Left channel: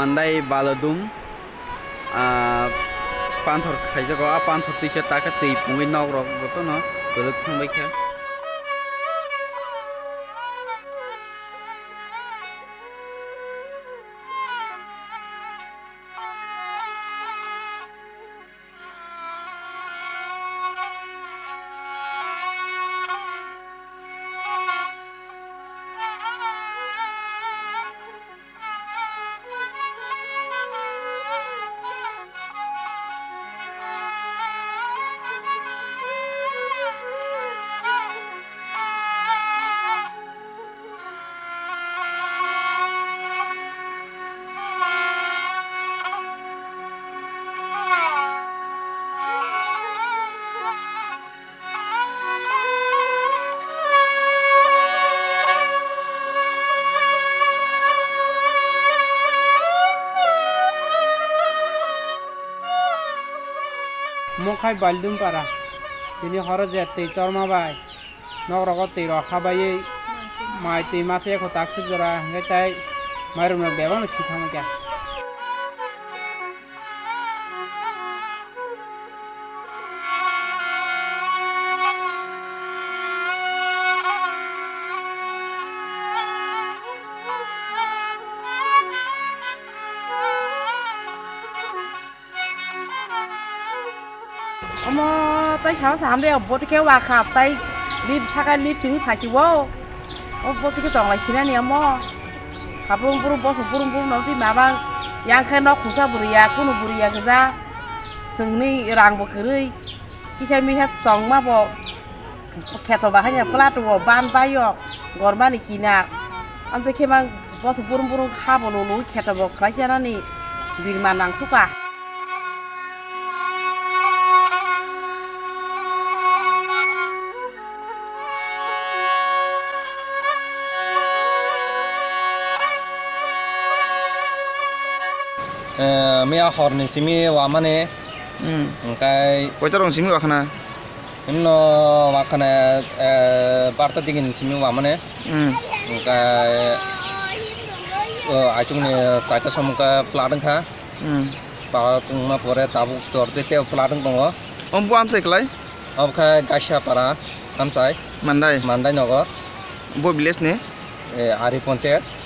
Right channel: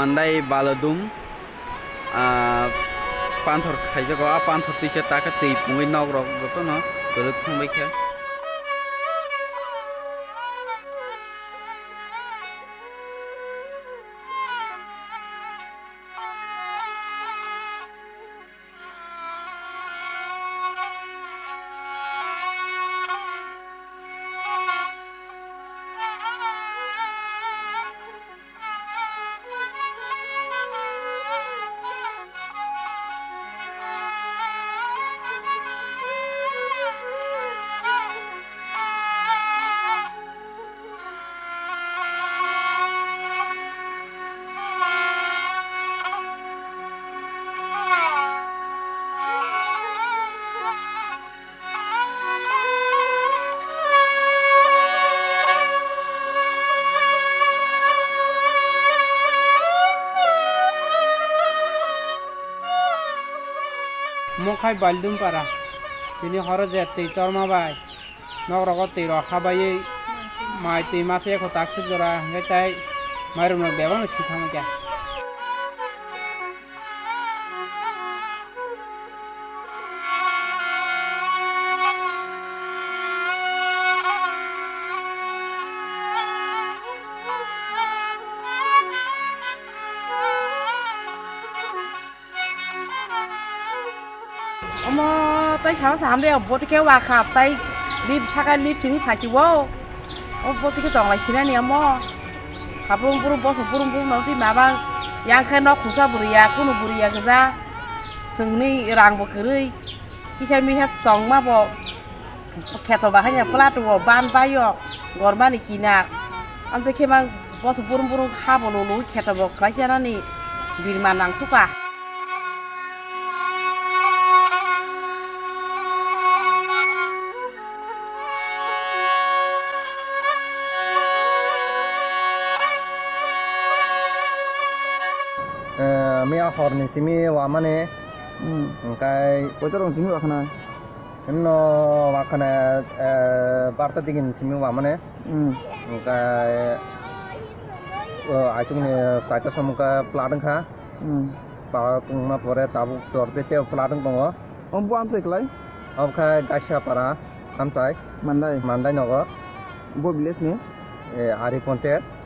mandai baladum panthor khaijago a panthor tise taka tei pungui nok rok goto no golok thangbai kha Mongkai baldum para ini hara jette torma bai nok rogot te ro khabai mai te mase ko taksuk jara ngai marum nok bebang sikhama kya tay khảo sám đây bố cái quà khạp tay lip sakai lip chứng phải chịu vô bố cái tổng lại khi nào niệm mò khạp bung bung nói mà bang yang khen nó cũng sao buriya cũng buriya cái ra sừng ni rang bộ kiri khi chơi mi hết tổng mà bộ kẹt vào hanya flat vào ban bayo gorban ikina anh thấy khi mà bố bung khap vào lulu kẹt vào cái gì đó ni vì mà nang suka Mia horni simi wamane kai koitarong simi wakana himno wakana barta digin simi wamane kai achung ne saita somka pladang kha pladang ma pore tabuk torte te pladang bongo ombu amsai klai ob kha gasha para amsai mandai nogo bo village ne ari panchayat